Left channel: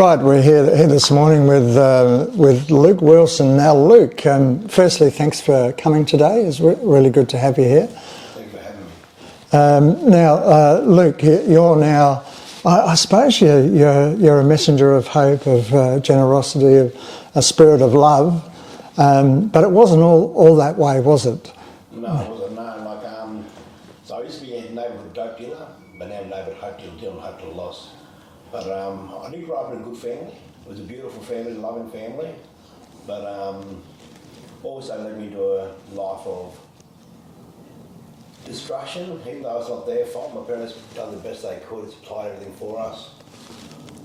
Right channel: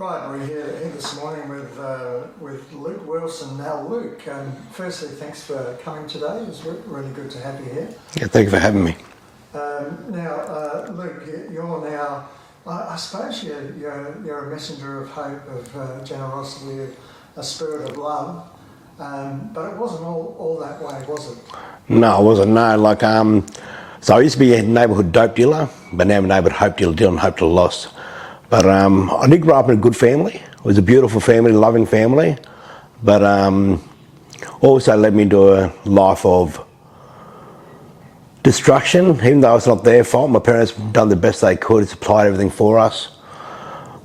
Right, we're here this morning with Luke Wilson. Now, Luke, firstly, thanks for coming today. It's really good to have you here. Yeah, thank you for having me. Luke, you're now, I suppose you're a messenger of hope, of generosity, of a spirit of love, but it wasn't all that way, was it? No, it wasn't. No, so I used to be a neighbourhood dope dealer, but now I'm a neighbourhood hope dealer, dealing hope to the lost. But I did grow up in a good family. It was a beautiful family, loving family, but also led me into a life of destruction, even though it's not their fault. My parents done the best they could, supplied everything for us.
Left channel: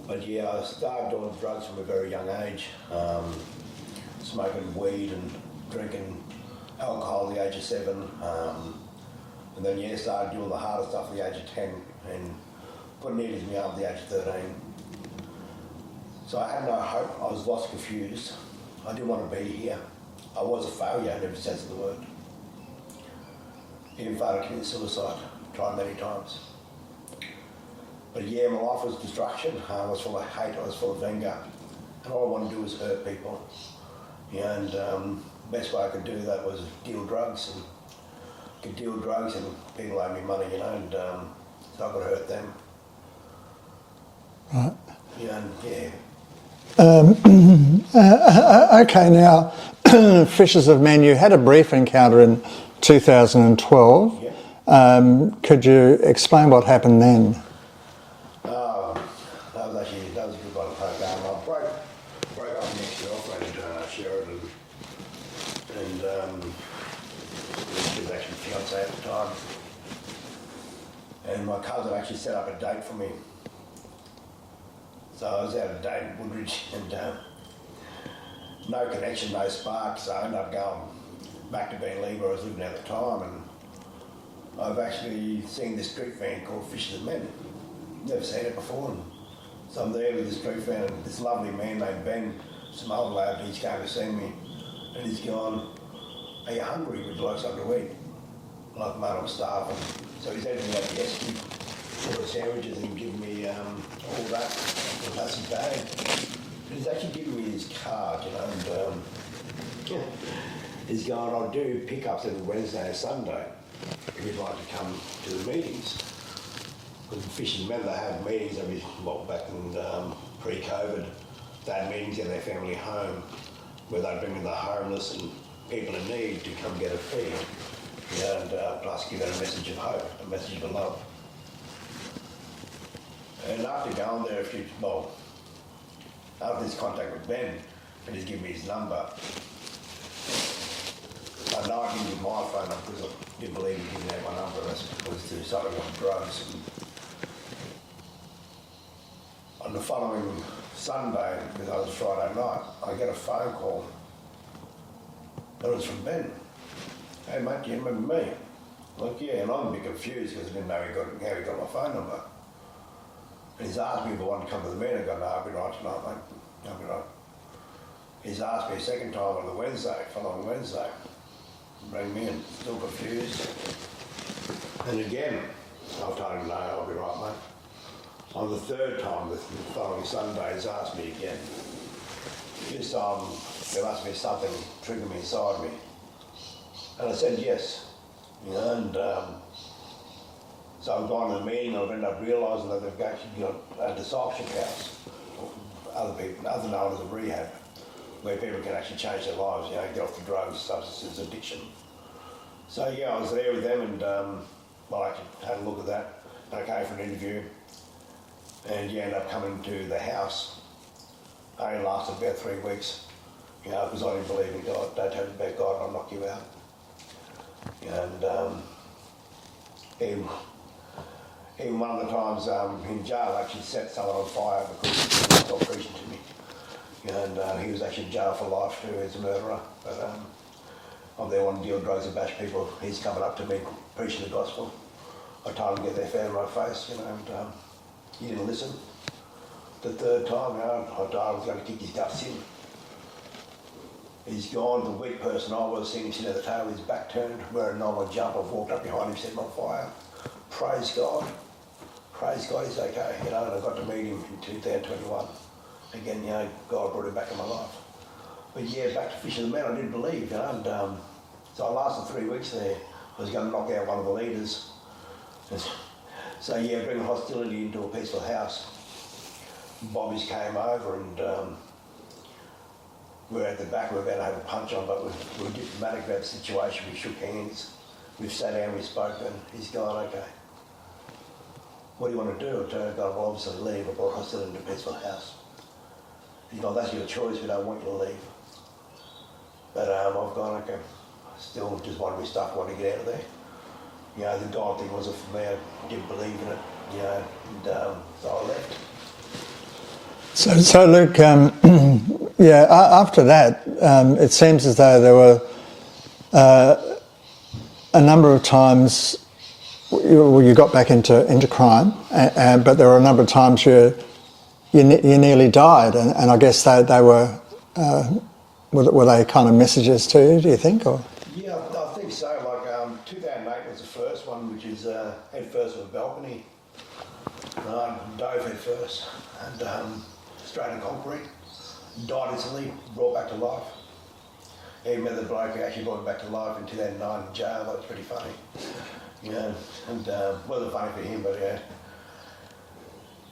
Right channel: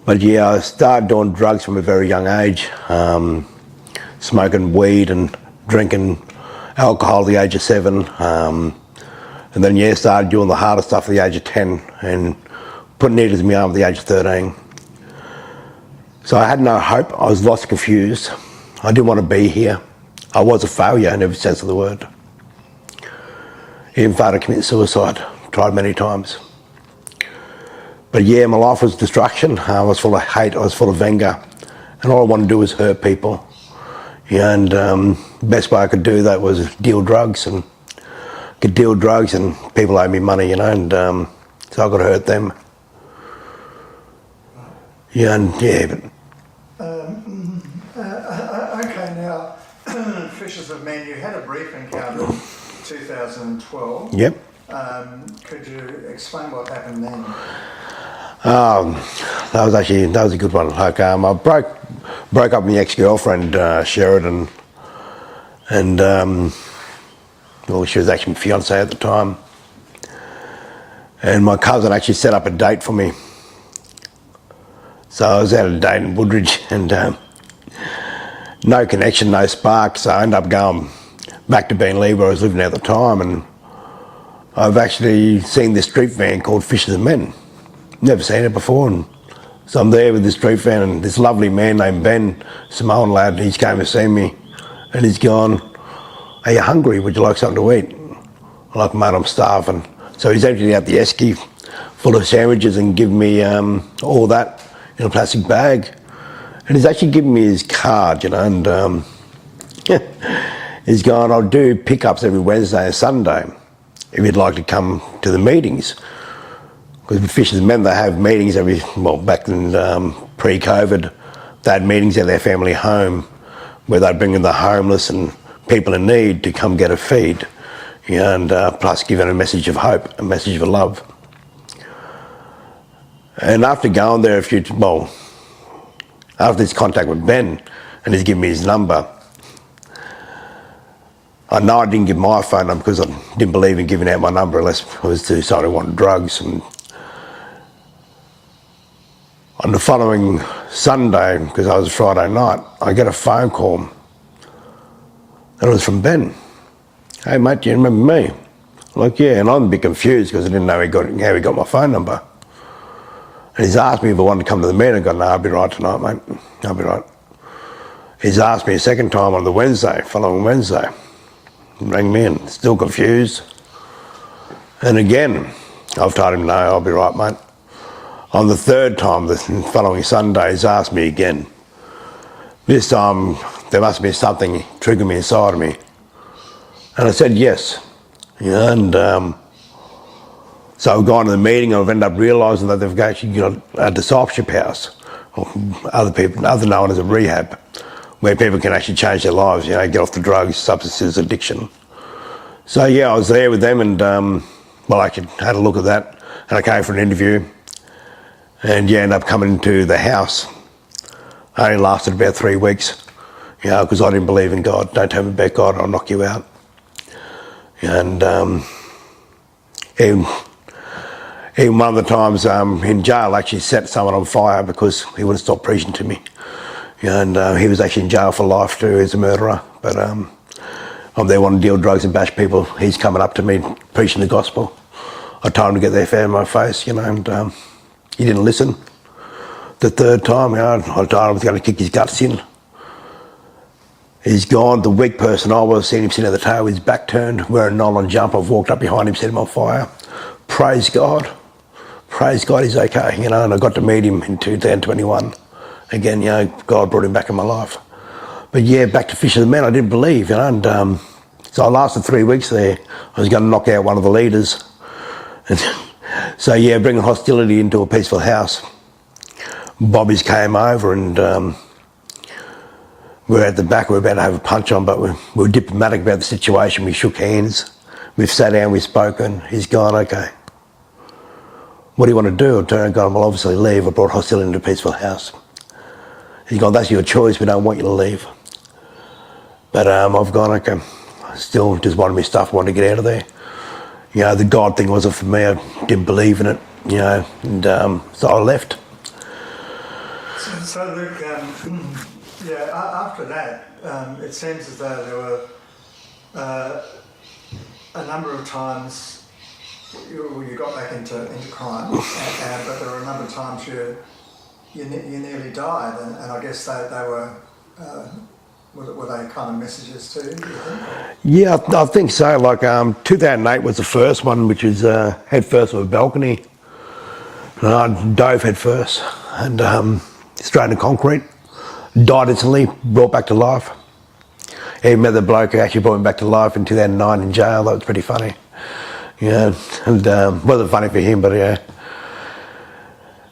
But yeah, I started doing drugs from a very young age, smoking weed and drinking alcohol at the age of 7. And then yeah, started doing the harder stuff at the age of 10 and put needles in my arm at the age of 13. So I had no hope. I was lost and confused. I didn't want to be here. I was a failure in every sense of the word. Even tried to commit suicide, tried many times. But yeah, my life was destruction. I was full of hate, I was full of anger, and all I wanted to do was hurt people. Yeah, and the best way I could do that was deal drugs, and people owed me money, you know, and so I could hurt them. Right. Yeah, and yeah. Okay, now, Fishers of Men, you had a brief encounter in 2012. Yep. Could you explain what happened then? That was a good one. Like I broke up with my ex-girlfriend Sheridan, and well, she was actually my fiance at the time. And my cousin actually set up a date for me. So I was at a date in Woodridge, and no connection, no spark. So I ended up going back to Beenleigh, where I was living at the time, and I've actually seen this street van called Fishers of Men. Never seen it before, and so I'm there with this street van, and this lovely man named Ben, Samoan lad, he's came to see me, and he's gone, "Are you hungry? Would you like something to eat?" I'm like, "Mate, I'm starving." So he's emptied out the esky full of sandwiches and given me all that in a plastic bag, and he's actually given me his card, you know, and he's gone, "I'll do pickups every Wednesday and Sunday if you'd like to come to the meetings." Because with Fishers Men, they have meetings back in pre-COVID, they had meetings at their family home where they'd bring in the homeless and people in need to come get a feed, you know, and plus giving a message of hope, a message of love. And after going there after this contact with Ben, and he's given me his number, I know I didn't give my phone number because I didn't believe in giving out my number unless it was to somebody who wanted drugs. And on the following Sunday, because I was Friday night, I get a phone call, and it was from Ben. "Hey mate, do you remember me?" I'm like, "Yeah," and I'm a bit confused because I didn't know how he got my phone number. And he's asked me if I wanted to come to the meeting. I go, "No, I'll be right tonight, mate. I'll be right." He's asked me a second time on the following Wednesday. He rang me in, still confused. And again, I've told him, "No, I'll be right, mate." On the third time, the following Sunday, he's asked me again. This time, there must be something triggering me inside of me. And I said yes. You know, and so I've gone to the meeting, and I've ended up realising that they've actually got a discipleship house, or other known as a rehab, where people can actually change their lives, you know, get off the drugs, substances, addiction. So yeah, I was there with them, and I actually had a look at that, and I came for an interview, and yeah, ended up coming to the house. I only lasted about 3 weeks, you know, because I didn't believe in God. "Don't tell me about God, I'll knock you out." And even one of the times in jail, I actually set someone on fire because he wouldn't stop preaching to me. You know, and he was actually in jail for life too as a murderer. But I'm there wanting to deal drugs and bash people. He's coming up to me preaching the gospel. I told him to get their fan in my face, you know, and he didn't listen. The third time, you know, I told him I was going to kick his guts in. He's gone. The weak person I was, seeing him sitting at the table, his back turned, wearing a nylon jumper. I've walked up behind him, set him on fire. Praise God. Praise God, he's okay, you know, and I got to meet him in 2021. again, God brought him back in my life. But yeah, back to Fish of the Men, I didn't believe, and so I lasted 3 weeks there. I was going to knock out one of the leaders. And so yeah, bringing hostility into a peaceful house. Bobbies came over and we were at the back, we were about to have a punch on, but we were diplomatic about the situation. We shook hands, we've sat down, we've spoken. He's gone, okay. What do you want to do? I turned and gone, well, obviously leave. I brought hostility into a peaceful house. He's gone, that's your choice, we don't want you to leave. But I've gone, okay. I still just wanted my stuff, wanted to get out of there. The God thing wasn't for me. I didn't believe in it, and so I left. So Luke, after that, it seems as though there were a number of times you got back into crime, but there were a number of times you nearly died, and I guess they were they kind of messages to you, do you think? Or? Yeah, I think so. Like 2008 was the first one, which is head first of a balcony. And I dove head first and straight into concrete. Died instantly, brought back to life. Even met the bloke who actually brought me back to life in 2009 in jail. That was pretty funny. And wasn't funny for him, but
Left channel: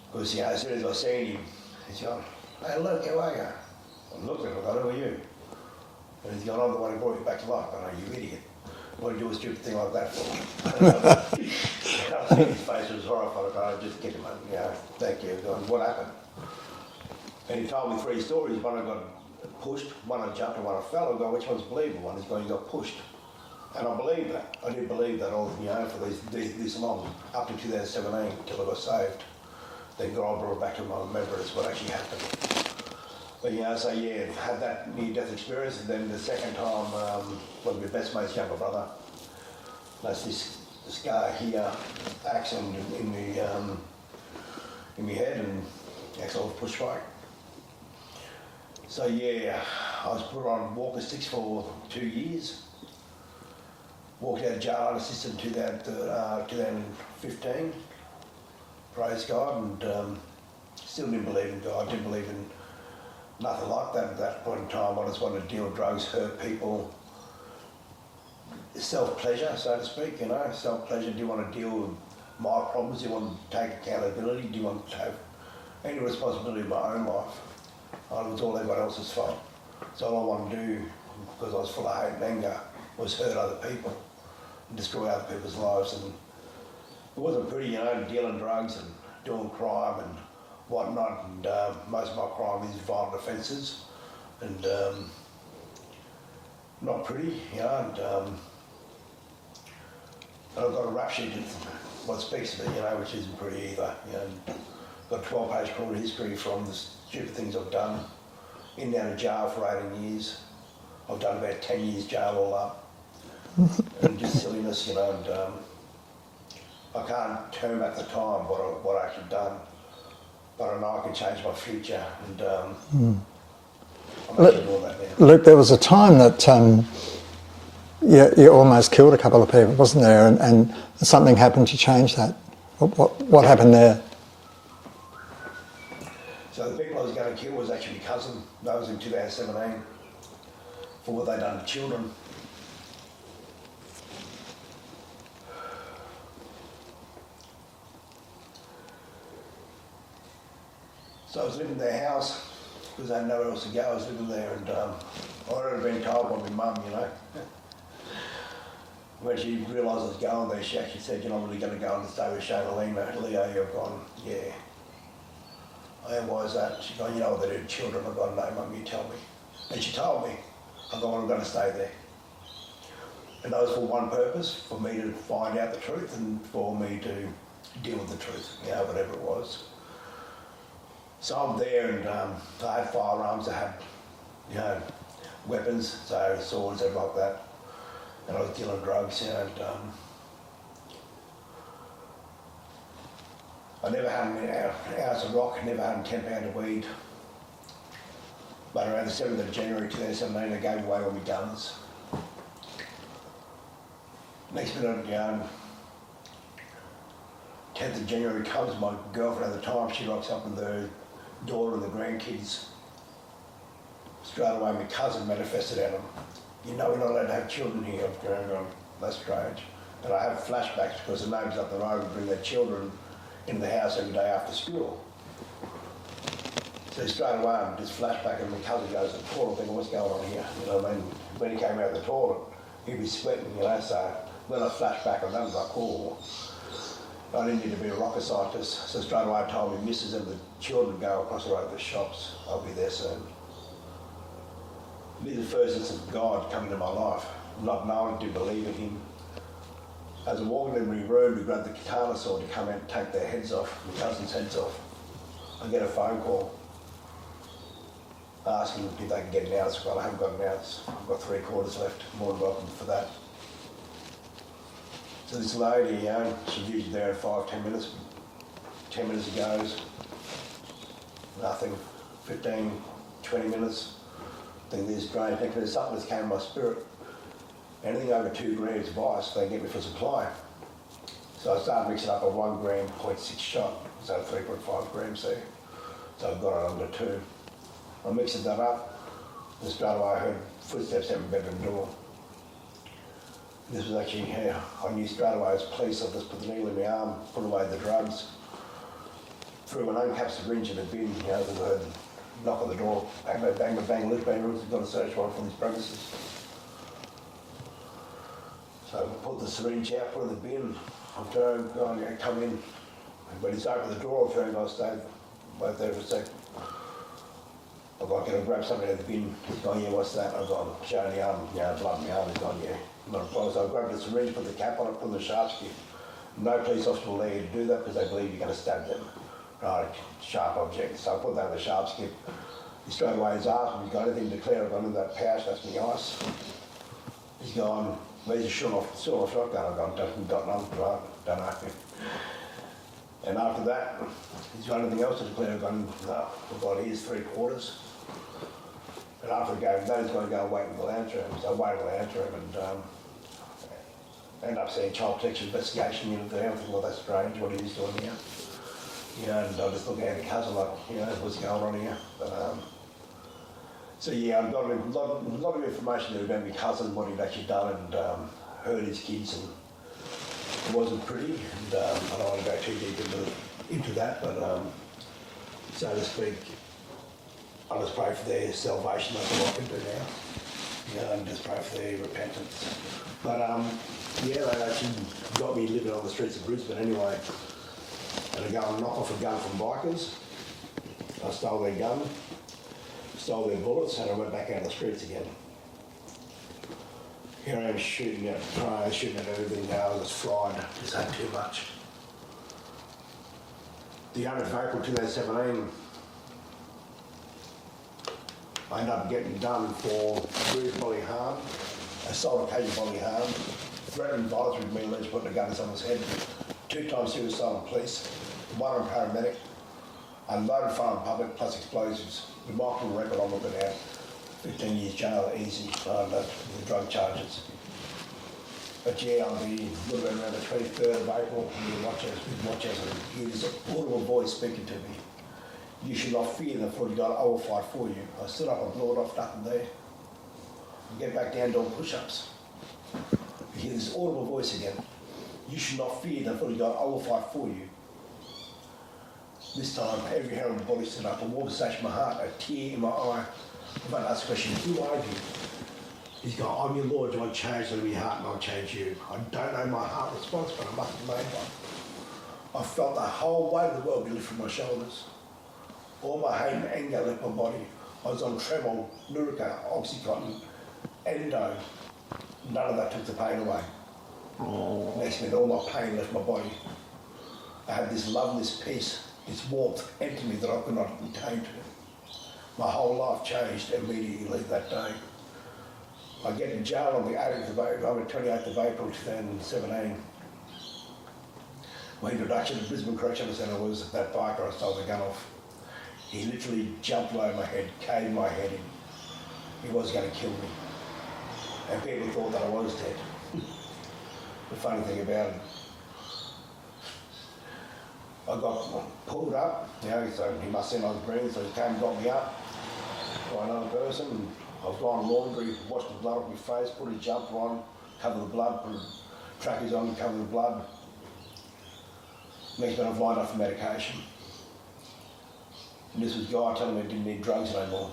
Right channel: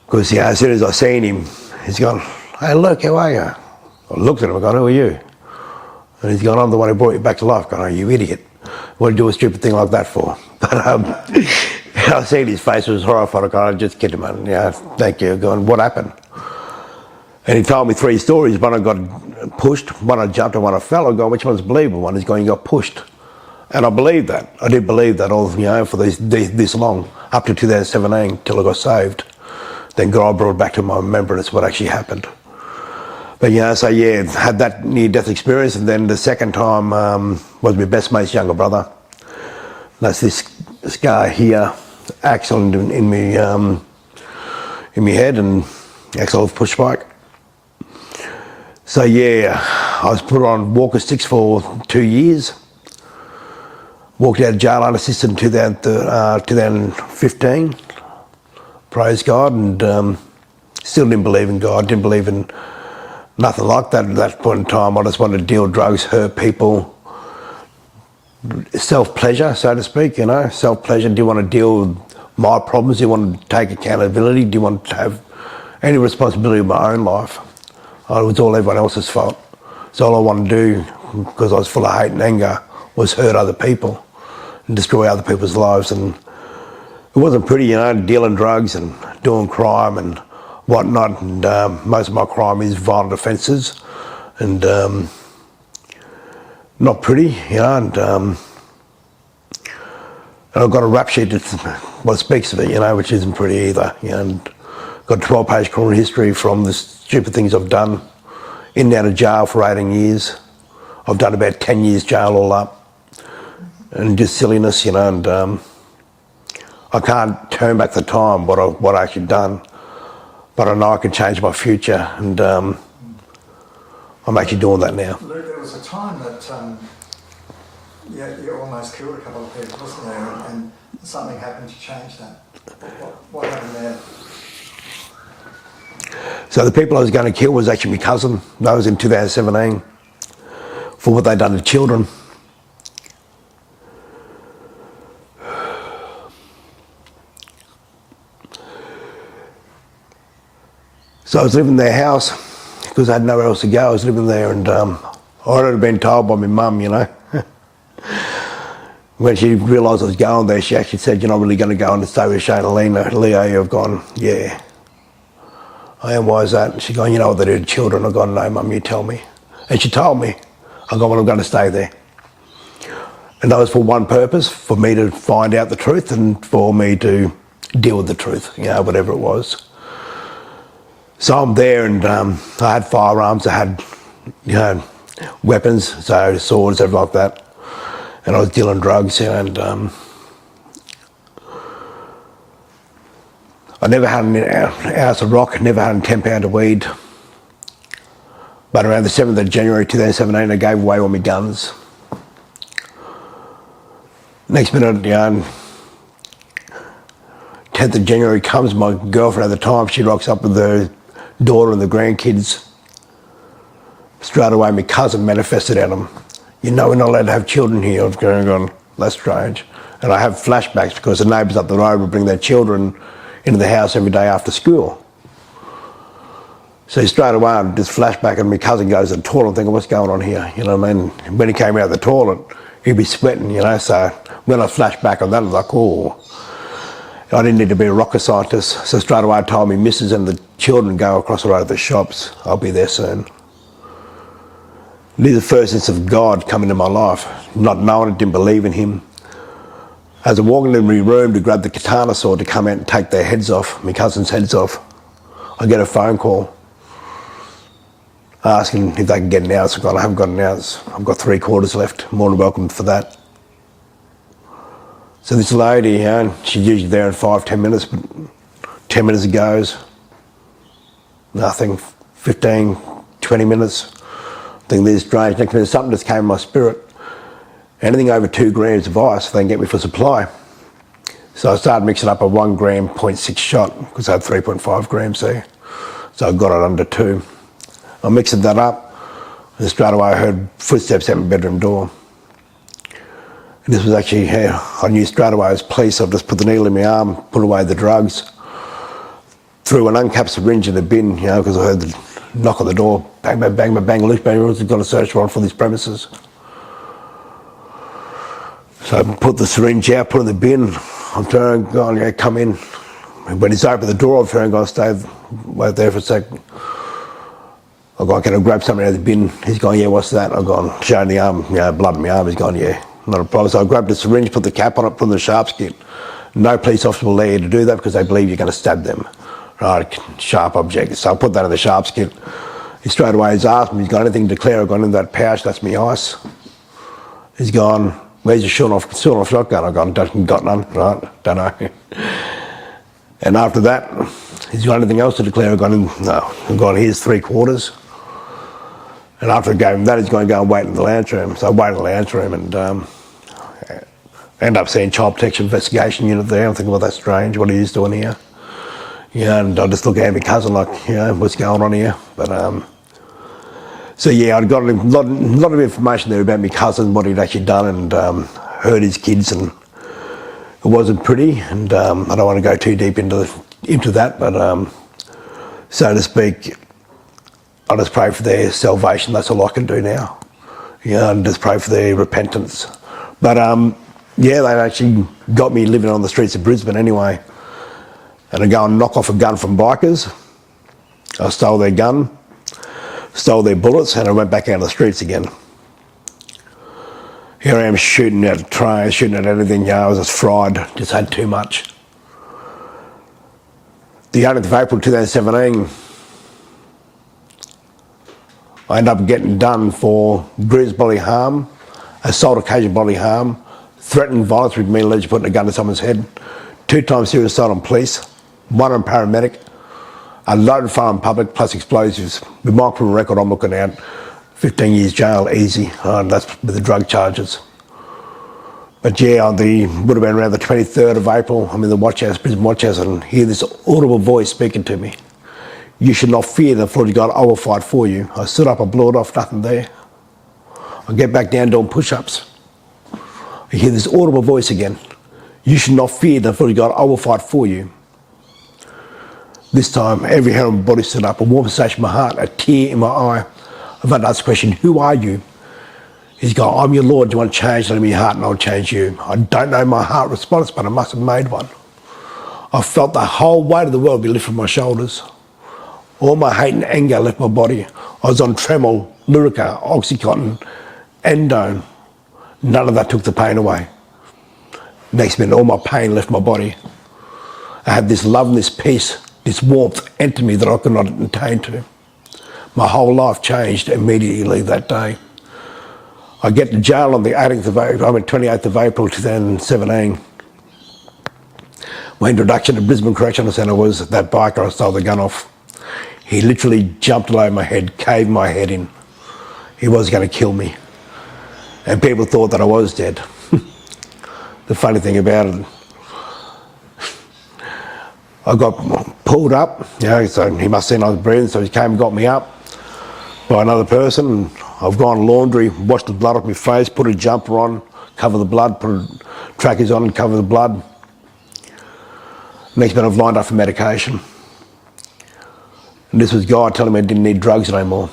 because as soon as I seen him, he's gone, hey, look, how are you? I looked at him, I gone, who are you? And he's gone, I'm the one who brought you back to life. Gone, oh, you idiot. What did you do a stupid thing like that for? But I seen his face, was horrified. I gone, I just kidded him, and thank you. Going, what happened? And he told me 3 stories. One I got pushed, one I jumped, and one I fell. I go, which one's believable? One is going, you got pushed. And I believed that. I did believe that all, for this long, up to 2017, till I got saved. Then God brought back to my remembrance what actually happened. But had that near-death experience, and then the second time was my best mate's younger brother. That's this guy here, axe in my head, and axe off push bike. So I was put on walker sticks for 2 years. Walked out of jail unassisted in 2015. Praise God, and still didn't believe in God, didn't believe in nothing like that at that point in time. I just wanted to deal drugs, hurt people, self-pleasure, so to speak, self-pleasure. Do you want to deal with my problems? Do you want to take accountability? Do you want to have any responsibility of my own life? It was all everyone else's fault. So all I wanted to do, because I was full of hate and anger, was hurt other people and destroy other people's lives. And it wasn't pretty, dealing drugs and doing crime and whatnot. And most of my crime is violent offences, and not pretty, and I've got a rap sheet that speaks of it, which isn't pretty either. And got a 12-page criminal history from the stupid things I've done. In and out of jail for 18 years. I've done about 10 years jail all up. And just silliness, and I can't turn back the time, what I actually done. But I know I can change my future, and I'm actually doing that now. Luke, there was a time that you almost killed a couple of people, wasn't there? And something happened to change that. What happened there? So the people I was going to kill was actually my cousin. That was in 2017 for what they'd done to children. So I was living in their house because I had nowhere else to go. I was living there, and I'd already been told by my mum, When she realised I was going there, she actually said, you're not really going to go and stay with Shane and Leo. I've gone, yeah. I am, why is that? She's going, you know what they do to children? I've gone, no, Mum, you tell me. And she told me. I've gone, well, I'm going to stay there. And that was for one purpose, for me to find out the truth and for me to deal with the truth, whatever it was. So I'm there, and I had firearms, I had, weapons, so swords, everything like that. And I was dealing drugs, and I never had an ounce of rock, never had a 10 pound of weed. But around the 7th of January 2017, I gave away all my guns. Next minute, 10th of January comes, my girlfriend at the time, she rocks up with her daughter and the grandkids. Straight away, my cousin manifested at them. You know, we're not allowed to have children here. I was going, that's strange. And I have flashbacks because the neighbours up the road would bring their children into the house every day after school. So straight away, I'm just flashback, and my cousin goes to the toilet and thinking, what's going on here? You know what I mean? When he came out of the toilet, he'd be sweating, you know. So when I flash back on that, I was like, oh. I didn't need to be a rocket scientist. So straight away I told me missus and the children go across the road to the shops. I'll be there soon. This is the first instance of God coming into my life. Not knowing it, didn't believe in him. As I'm walking in my room to grab the katana sword to come out and take their heads off, my cousin's heads off, I get a phone call asking if they can get an ounce. I haven't got an ounce. I've got 3/4 left. More than welcome for that. So this lady, you know, she's usually there in 5-10 minutes, but 10 minutes it goes. Nothing. 15-20 minutes. I think this is strange. Next minute something just came in my spirit. Anything over 2 grams of ice, they can get me for supply. So I started mixing up a 1 gram 0.6 shot because I had 3.5 grams there. So I got it under 2. I mixed that up, and straight away I heard footsteps at my bedroom door. And this was actually, I knew straight away it was police. I just put the needle in my arm, put away the drugs, threw an uncapped syringe in the bin, you know, because I heard the knock on the door, bang, bang, bang, bang, bang, loose bang, rules, got a search warrant for these premises. So I put the syringe out, put it in the bin. I'm turning, going, yeah, come in. And when he's opened the door, I'm turning, going, wait there for a sec. I've gone, can I grab something out of the bin? He's gone, yeah, what's that? I've gone, showing the arm, you know, blood in my arm. He's gone, yeah, not a problem. So I grabbed the syringe, put the cap on it, put in the sharp skin. No police officer will allow you to do that because they believe you're going to stab them. Right, sharp object. So I put that in the sharp skin. He straight away has asked me, he's got anything to declare? I've gone in that pouch, that's me ice. He's gone, where's your short-off shotgun? I've gone, got none, right, don't know. And after that, he's got anything else to declare? I've gone, no. I've gone, here's 3/4. And after I gave him that, he's going to go and wait in the lounge room. So I waited in the lounge room and end up seeing Child Protection Investigation Unit there. I'm thinking, well, that's strange, what are you doing here? Yeah, and I just look at my cousin like, you know, what's going on here? But so yeah, I'd got a lot of information there about my cousin, what he'd actually done, and hurt his kids, and it wasn't pretty. And I don't want to go too deep into that, but so to speak, I just pray for their salvation. That's all I can do now. Yeah, and just pray for their repentance. But yeah, they actually got me living on the streets of Brisbane anyway. And I go and knock off a gun from bikers. I stole their gun, stole their bullets, and I went back out of the streets again. Here I am shooting at trains, shooting at everything, you know, I was just fried, just had too much. The 8th of April 2017, I ended up getting done for bruised bodily harm, assault occasional bodily harm, threatened violence with me, allegedly putting a gun to someone's head, 2 times serious assault on police, 1 on paramedic, a loaded firearm in public, plus explosives. With my criminal record, I'm looking at 15 years jail, easy. That's with the drug charges. But yeah, would have been around the 23rd of April. I'm in the watch house, Brisbane watch house, and hear this audible voice speaking to me. You should not fear the Lord God, I will fight for you. I stood up, I blew it off, nothing there. I get back down doing push-ups. I hear this audible voice again. You should not fear the Lord God, I will fight for you. This time, every hair on my body stood up, a warm sensation in my heart, a tear in my eye. I've had to ask the question, who are you? He's gone, I'm your Lord, do you want to change? Let me your heart and I'll change you. I don't know my heart response, but I must have made one. I felt the whole weight of the world be lifted from my shoulders. All my hate and anger left my body. I was on Tremol, Lyrica, Oxycontin, Endone. None of that took the pain away. Next minute, all my pain left my body. I had this love and this peace, this warmth enter me that I could not attain to. My whole life changed immediately that day. I get to jail on the 28th of April 2017. My introduction to Brisbane Correctional Centre was that biker I stole the gun off. He literally jumped all over my head, caved my head in. He was going to kill me. And people thought that I was dead. The funny thing about it, I got pulled up, so he must have seen I was breathing, so he came and got me up by another person. And I've gone laundry, washed the blood off my face, put a jumper on, cover the blood, put trackies on and cover the blood. Next minute I've lined up for medication. And this was a guy telling me I didn't need drugs anymore.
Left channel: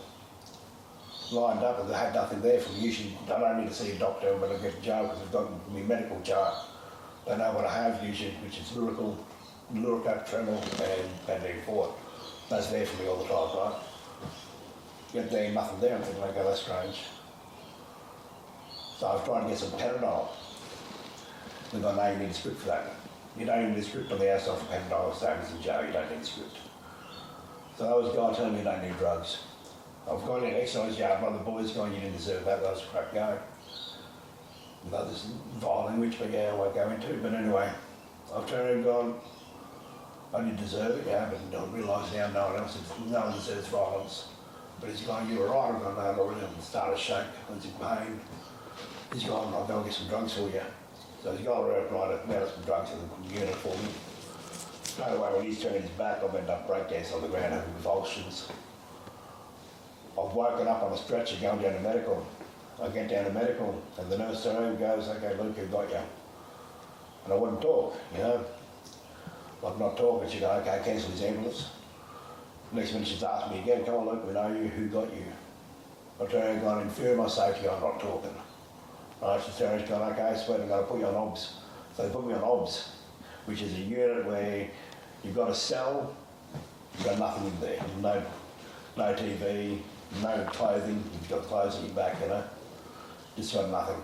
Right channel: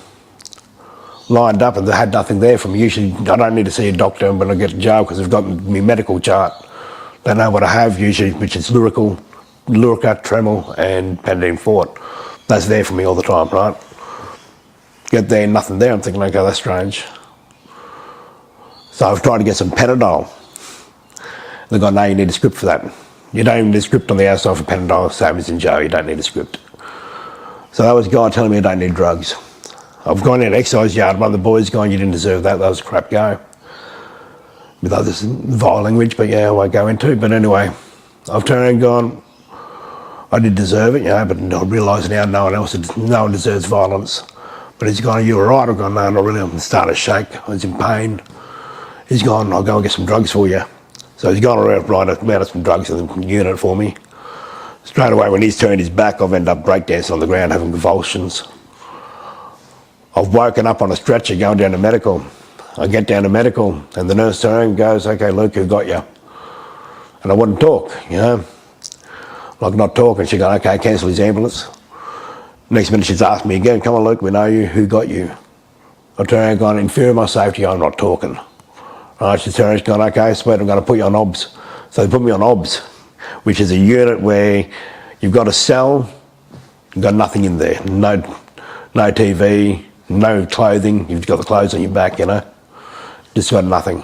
Lined up and they had nothing there for me. Usually I don't need to see a doctor when I get to jail because they've got my medical chart. They know what I have usually, which is Lyrica, Tremel and Pentadine Fort. That's there for me all the time, right? Get there, nothing there. I'm thinking, okay, that's strange. So I've tried to get some Panadol. They've gone, no, you need a script for that. You don't even need a script on the outside for Panadol, same as in jail, you don't need a script. So that was a guy telling me I don't need drugs. I've gone in an exercise yard, one of the boys going, you didn't deserve that, that was a crap go. With others, vile language, but yeah, I won't go into. But anyway, I've turned around and gone, I did deserve it, but I realise now no one deserves violence. But he's gone, you all right? I've gone, no, not really. I'm starting to shake. I was in pain. He's gone, I'll go and get some drugs for you. So he's gone around out some drugs in the unit for me. Straight away, when he's turned his back, I've ended up breakdancing on the ground, having convulsions. I've woken up on a stretcher going down to medical. I get down to medical, and the nurse turns and goes, okay, Luke, who got you? And I wouldn't talk, like not talking. She goes, okay, cancel his ambulance. Next minute she's asked me again, come on Luke, we know you, who got you? I turn around and gone, in fear of my safety, I'm not talking. Right, she turns and gone, okay, sweet, I'm going to put you on OBS. So they put me on OBS, which is a unit where you've got a cell, you've got nothing in there, no TV, no clothing, you've got the clothes on your back, just got nothing.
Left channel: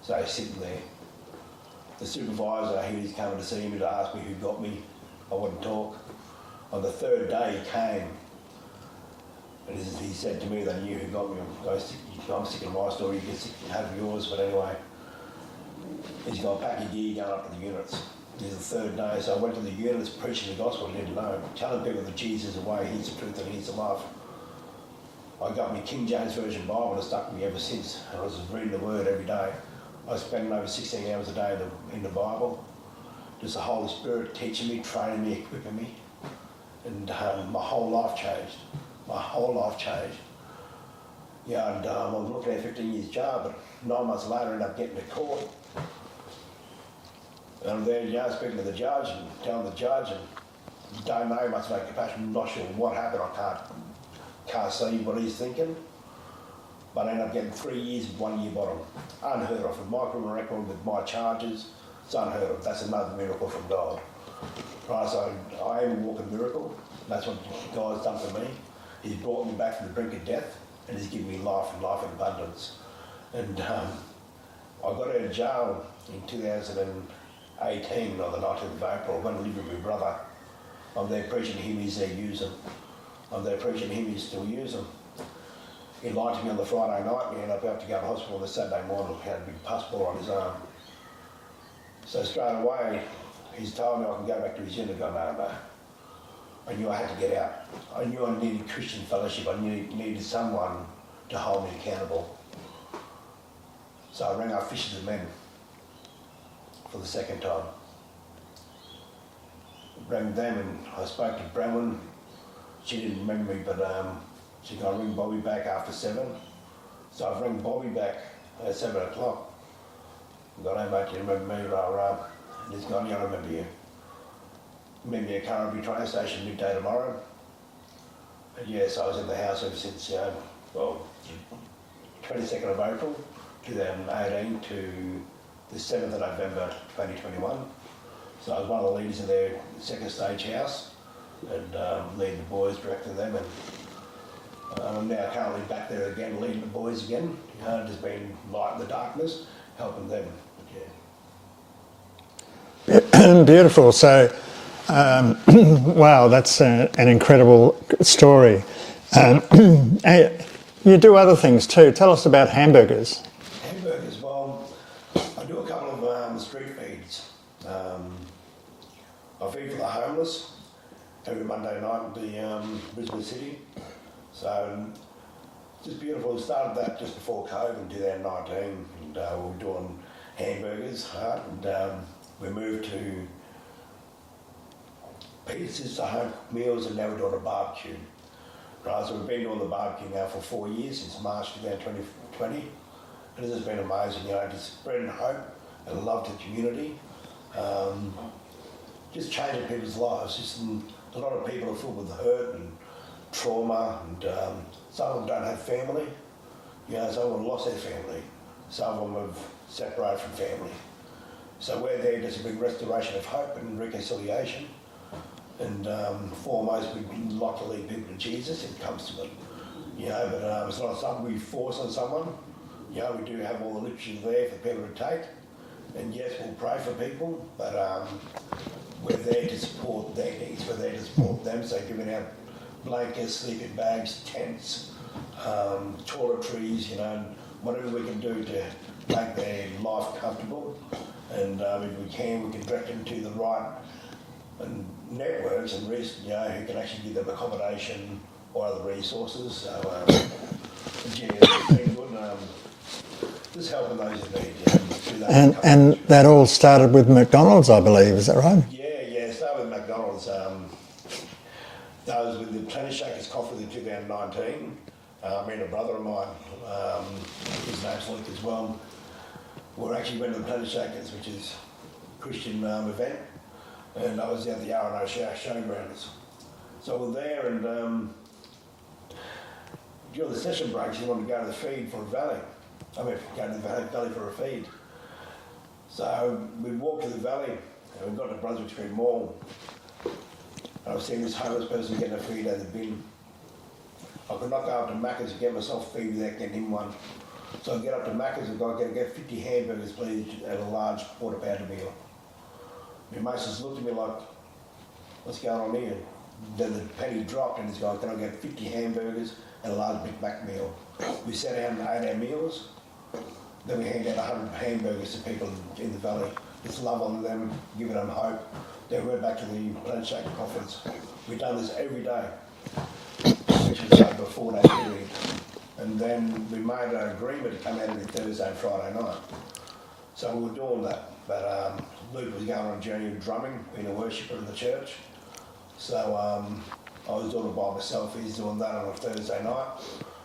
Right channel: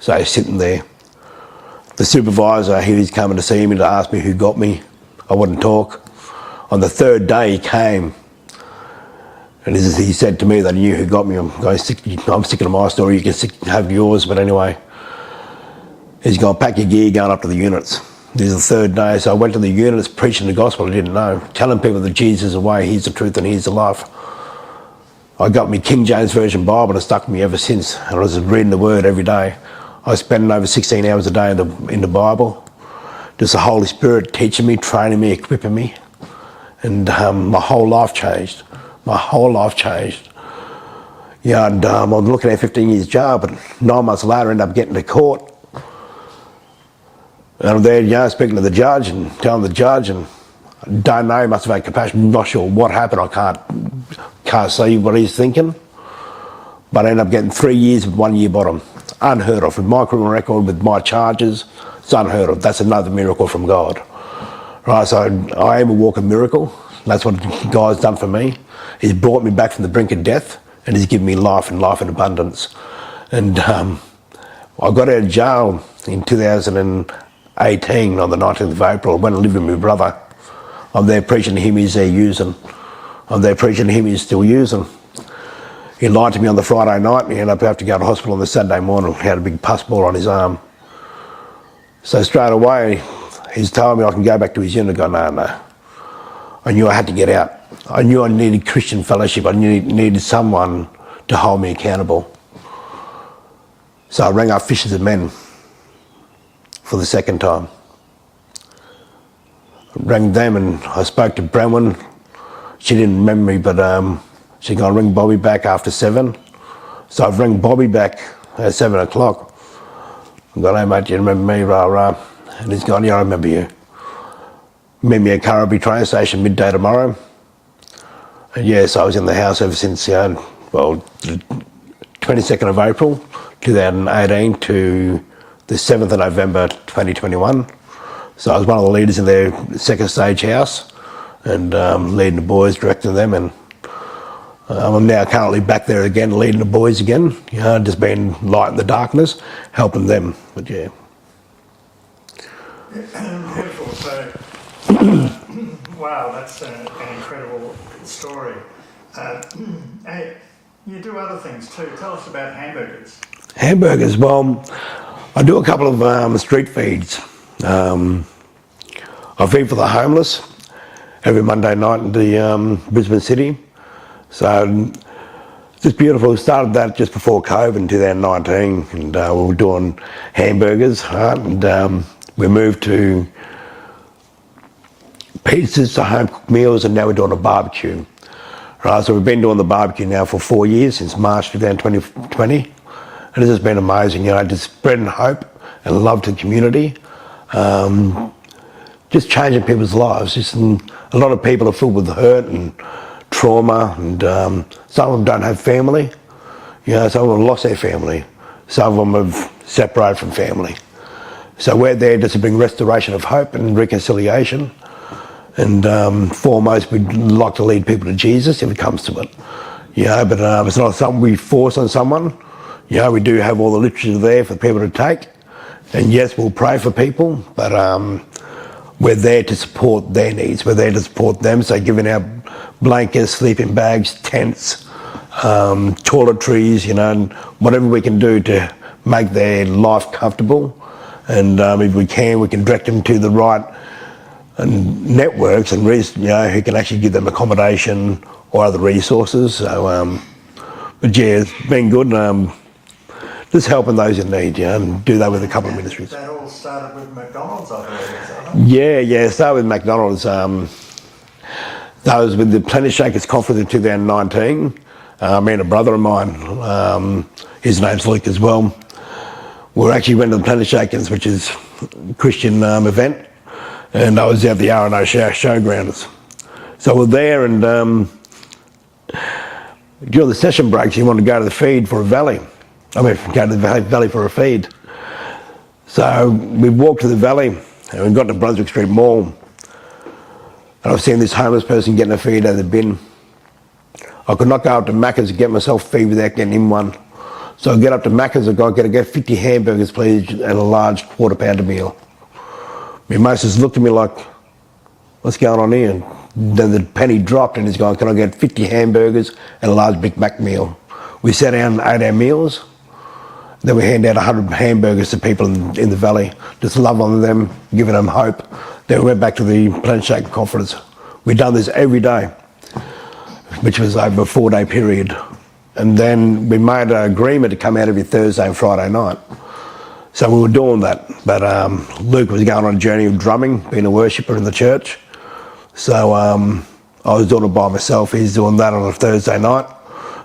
So he's sitting there. The supervisor, he's coming to see me to ask me who got me. I wouldn't talk. On the third day he came, and he said to me that he knew who got me. I'm sticking to my story, you can have yours, but anyway. He's going, pack your gear, going up to the units. This is the third day, so I went to the units preaching the gospel I didn't know, telling people that Jesus is the way, he's the truth and he's the life. I got me King James Version Bible and it stuck with me ever since. And I was reading the word every day. I was spending over 16 hours a day in the Bible. Just the Holy Spirit teaching me, training me, equipping me. And my whole life changed. My whole life changed. And I'm looking at 15 years jail, but 9 months later I ended up getting to court. And I'm there, speaking to the judge and telling the judge, and I don't know, he must have had compassion, I'm not sure what happened, I can't see what he's thinking. But I ended up getting 3 years with 1 year bottom. Unheard of. With my criminal record, with my charges, it's unheard of. That's another miracle from God. Right, so I am a walking miracle. That's what God's done for me. He's brought me back from the brink of death, and he's given me life and life in abundance. And I got out of jail in 2018 on the 19th of April. I went and lived with my brother. I'm there preaching to him, he's there using. I'm there preaching to him, he's still using. He lied to me on the Friday night and he ended up having to go to hospital on the Saturday morning. He had a big pus ball on his arm. So straight away, he's told me I can go back to his unit. I go, no. I knew I had to get out. I knew I needed Christian fellowship. I needed someone to hold me accountable. So I rang up Fishers of Men for the second time. I rang them and I spoke to Brenwan. She didn't remember me, but she's going to ring Bobby back after 7. So I've rang Bobby back at 7 o'clock. I've gone, hey mate, do you remember me, rah rah? And he's gone, yeah, I remember you. Meet me at Currabee train station midday tomorrow. And yes, I was in the house ever since, the 22nd of April 2018 to the 7th of November 2021. So I was one of the leaders in their second stage house and leading the boys, directing them, and I'm now currently back there again, leading the boys again, just being light in the darkness, helping them, but yeah. Beautiful. So, wow, that's an incredible story. You do other things too. Tell us about hamburgers. Hamburgers, well, I do a couple of street feeds. I feed for the homeless every Monday night in the Brisbane City. So it's beautiful. We started that just before COVID in 2019, and we were doing hamburgers, right? And we moved to pizzas to home cooked meals, and now we're doing a barbecue. Right, so we've been doing the barbecue now for 4 years, since March 2020. And this has been amazing, just spreading hope and love to the community. Just changing people's lives. A lot of people are filled with hurt and trauma, and some of them don't have family. Some of them have lost their family. Some of them have separated from family. So we're there just to bring restoration of hope and reconciliation. And foremost, we'd like to lead people to Jesus if it comes to it. But it's not something we force on someone. We do have all the literature there for people to take. And yes, we'll pray for people, but we're there to support their needs. We're there to support them. So giving out blankets, sleeping bags, tents, toiletries, and whatever we can do to make their life comfortable. And if we can direct them to the right networks and who can actually give them accommodation or other resources. So, but yeah, it's been good. Just helping those in need, and do that with a couple of ministries. That all started with McDonald's, I believe, is that right? Yeah, started with McDonald's. That was with the Planet Shakers Conference in 2019. Me and a brother of mine, his name's Luke as well, we actually went to the Planet Shakers, which is a Christian event, and I was at the R&O showgrounds. So we're there, and during the session breaks, you want to go to the feed for a valley. Go to the valley for a feed. So we walked to the valley, and we got to Brunswick Street Mall, and I've seen this homeless person getting a feed out of the bin. I could not go up to Macca's to get myself a feed without getting in one. So I get up to Macca's, I got to get 50 hamburgers, please, and a large quarter pounder meal. My mate just looked at me like, what's going on here? And then the penny dropped, and he's going, can I get 50 hamburgers and a large Big Mac meal? We sat down and ate our meals. Then we hand out 100 hamburgers to people in the valley, just love on them, giving them hope. Then we went back to the Planet Shaker Conference. We've done this every day, which was over a 4-day period. And then we made an agreement to come out every Thursday and Friday night. So we were doing that. But Luke was going on a journey of drumming, being a worshipper in the church. So I was doing it by myself. He's doing that on a Thursday night.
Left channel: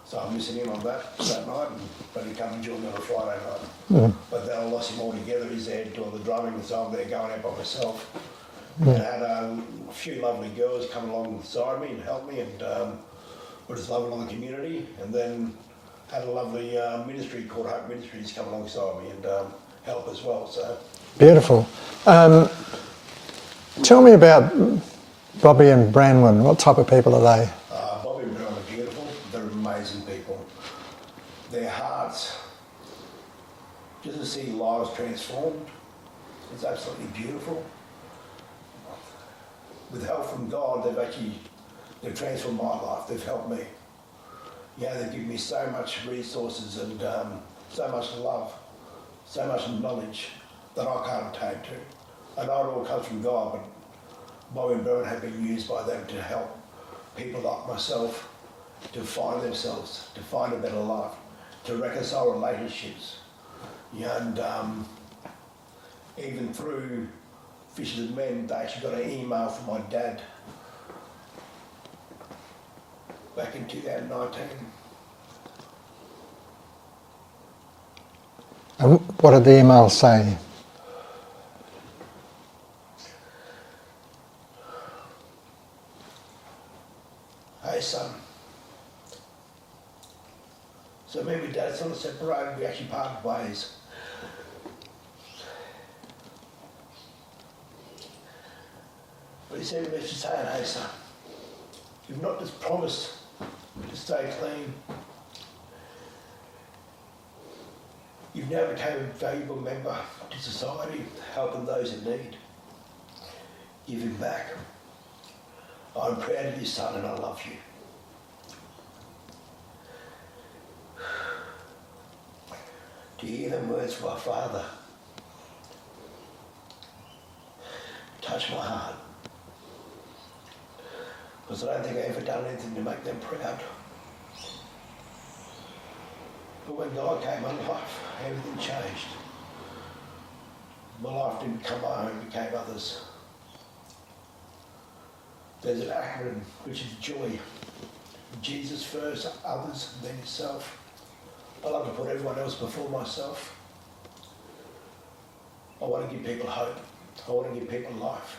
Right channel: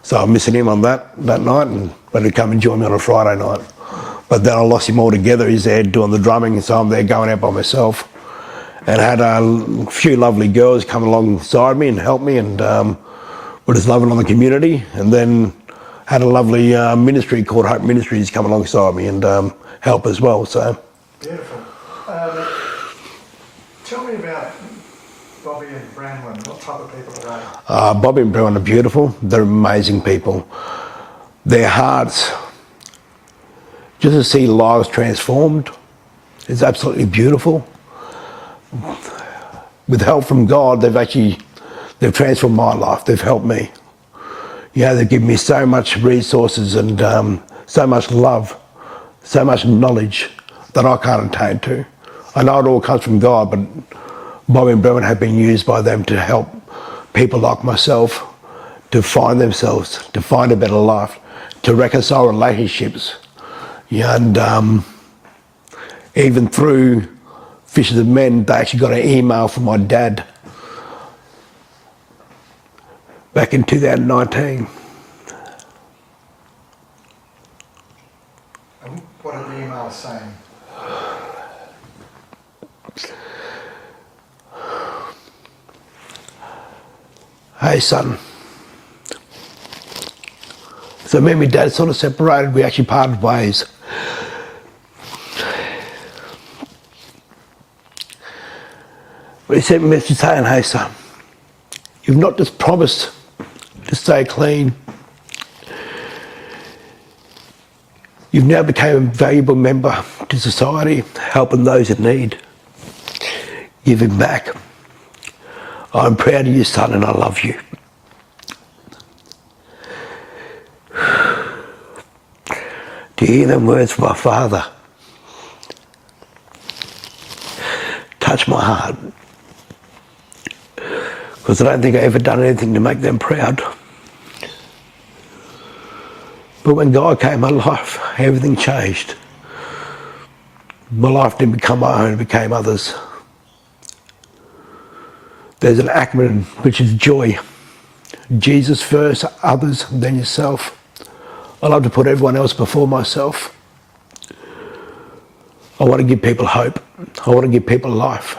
So I'm missing him on that night, and when he'd come and join me on a Friday night. Yeah. But then I lost him altogether. He's there doing the drumming, so I'm there going out by myself. And I had a few lovely girls come alongside me and help me, and we're just loving on the community. And then had a lovely ministry called Hope Ministries come alongside me and help as well. So beautiful. Tell me about Bobby and Branwen. What type of people are they? Bobby and Branwen are beautiful. They're amazing people. Their hearts, just to see lives transformed, is absolutely beautiful. With help from God, they've transformed my life. They've helped me. They've given me so much resources and so much love, so much knowledge that I can't attain to. I know it all comes from God, but Bobby and Branwen have been used by them to help people like myself to find themselves, to find a better life, to reconcile relationships. And even through Fishers of Men, they actually got an email from my dad back in 2019. And what did the email say? Hey son, so me and my dad sort of separated, we actually parted ways. But he sent me a message saying, hey son, you've not just promised to stay clean, you've now become a valuable member to society, helping those in need, giving back. I'm proud of you, son, and I love you. To hear them words from my father touch my heart, because I don't think I ever done anything to make them proud. But when God came in my life, everything changed. My life didn't become my own, it became others. There's an acronym which is JOY. Jesus first, others, then yourself. I love to put everyone else before myself. I want to give people hope. I want to give people life.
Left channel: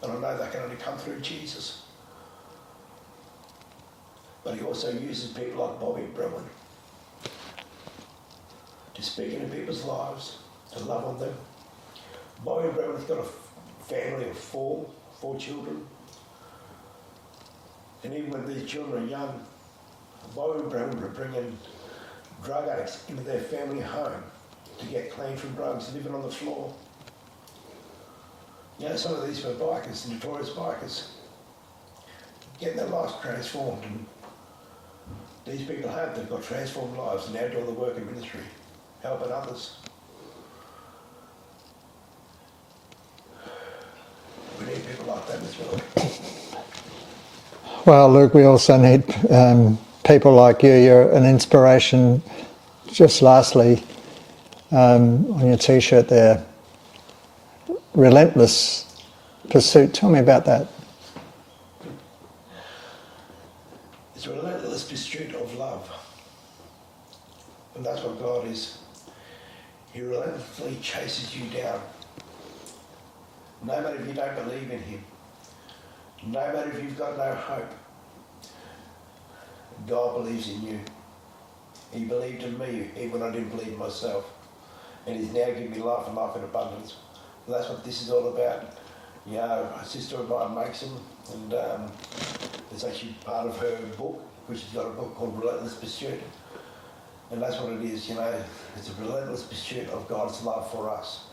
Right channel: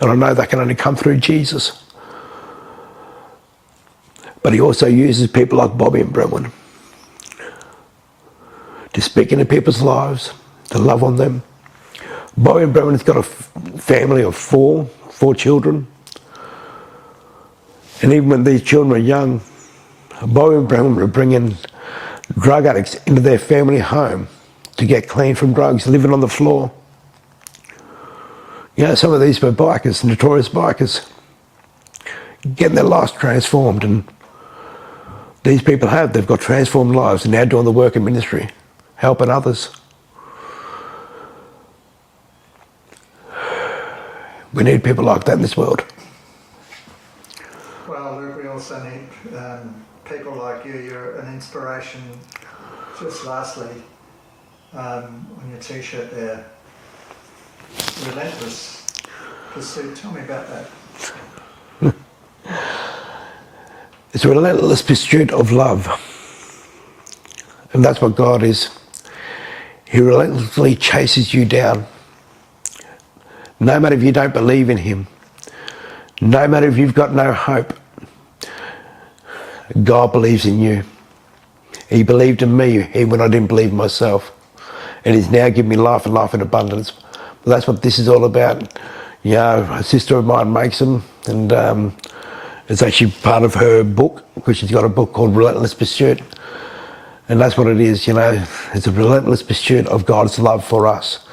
And I know that can only come through Jesus. But he also uses people like Bobby and Brenwan to speak into people's lives, to love on them. Bobby and Brenwan's got a family of four children. And even when these children were young, Bobby and Brenwan were bringing drug addicts into their family home to get clean from drugs, living on the floor. You know, some of these were bikers, notorious bikers, getting their lives transformed. And these people they've got transformed lives and now doing the work in ministry, helping others. We need people like that in this world. Well, Luke, we also need people like you. You're an inspiration. Just lastly, on your T-shirt there, relentless pursuit. Tell me about that. It's a relentless pursuit of love. And that's what God is. He relentlessly chases you down. No matter if you don't believe in him, no matter if you've got no hope, God believes in you. He believed in me even when I didn't believe in myself. And he's now given me life and life in abundance. But that's what this is all about. You know, a sister of mine makes them, and it's actually part of her book, because she's got a book called Relentless Pursuit. And that's what it is, you know. It's a relentless pursuit of God's love for us,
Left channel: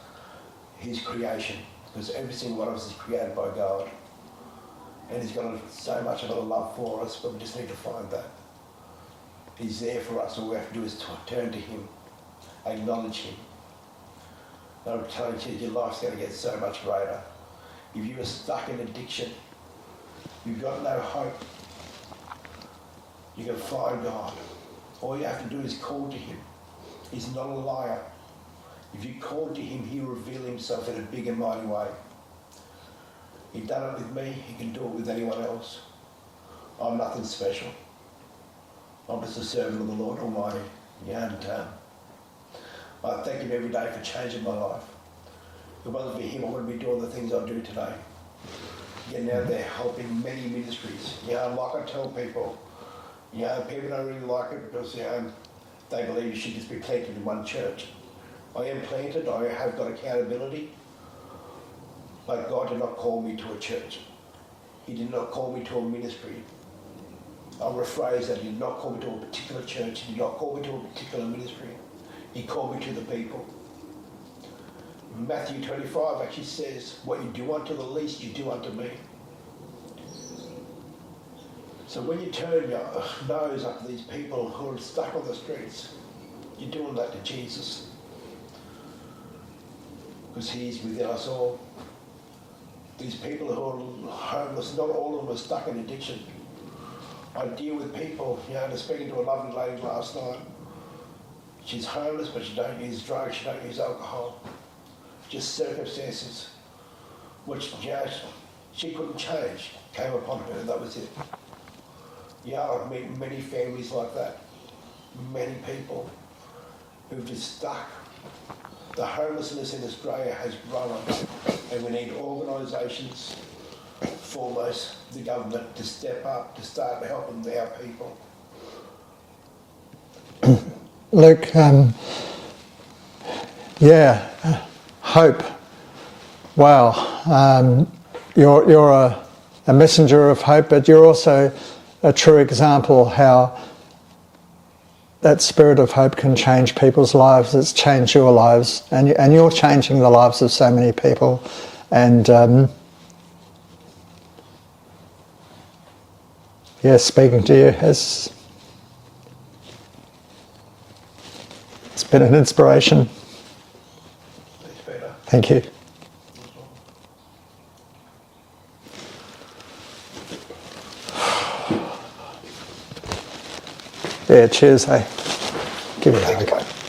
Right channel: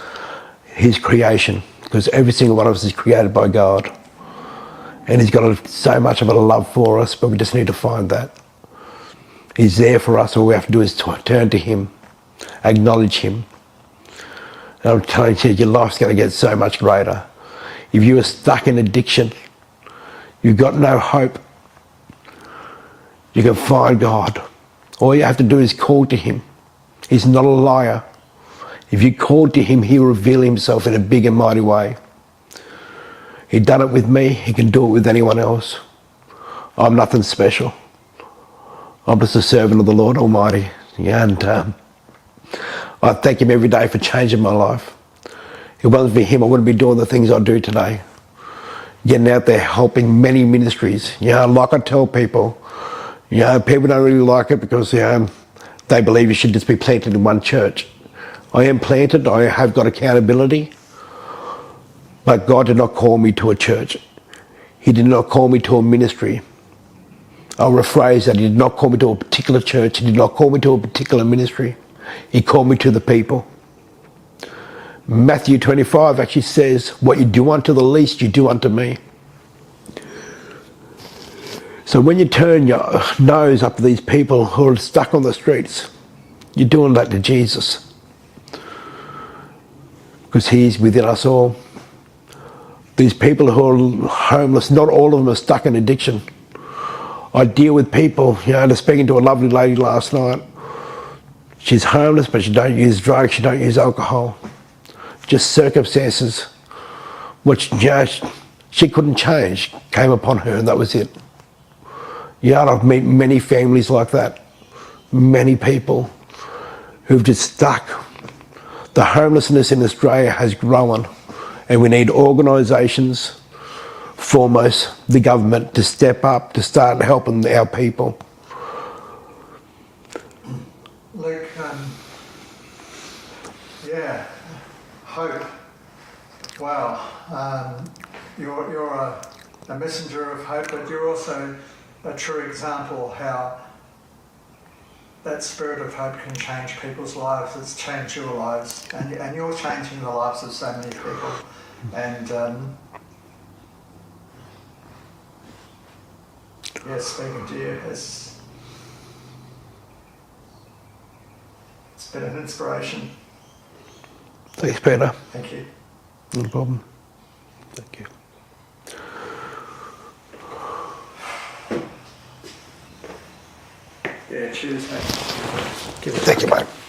his creation, because every single one of us is created by God. And he's got so much of a love for us, but we just need to find that. He's there for us. All we have to do is turn to him, acknowledge him. And I'm telling you, your life's going to get so much greater. If you are stuck in addiction, you've got no hope, you can find God. All you have to do is call to him. He's not a liar. If you call to him, he'll reveal himself in a big and mighty way. He's done it with me, he can do it with anyone else. I'm nothing special. I'm just a servant of the Lord Almighty. Yeah, and I thank him every day for changing my life. If it wasn't for him, I wouldn't be doing the things I do today. Getting out there, helping many ministries. You know, like I tell people, you know, people don't really like it because, you know, they believe you should just be planted in one church. I am planted, I have got accountability, but God did not call me to a church. He did not call me to a ministry. I'll rephrase that. He did not call me to a particular church. He did not call me to a particular ministry. He called me to the people. Matthew 25 actually says, what you do unto the least, you do unto me. So when you turn your nose up to these people who are stuck on the streets, you're doing that to Jesus. Because he's within us all. These people who are homeless, not all of them are stuck in addiction. I deal with people, you know, I was speaking to a lovely lady last night. She's homeless, but she don't use drugs, she don't use alcohol. Just circumstances which, you know, she couldn't change, came upon her, and that was it. Yeah, I've met many families like that. Many people who've just stuck. The homelessness in Australia has grown, and we need organisations, foremost the government, to step up, to start helping our people. Luke, yeah, hope. Wow, you're a messenger of hope, but you're also a true example how that spirit of hope can change people's lives. It's changed your lives, and you're changing the lives of so many people. And yeah, speaking to you it's been an inspiration. Thanks, Peter. Thank you. No problem. Thank you. Yeah, cheers, hey. Give me a Thank hug. you, mate.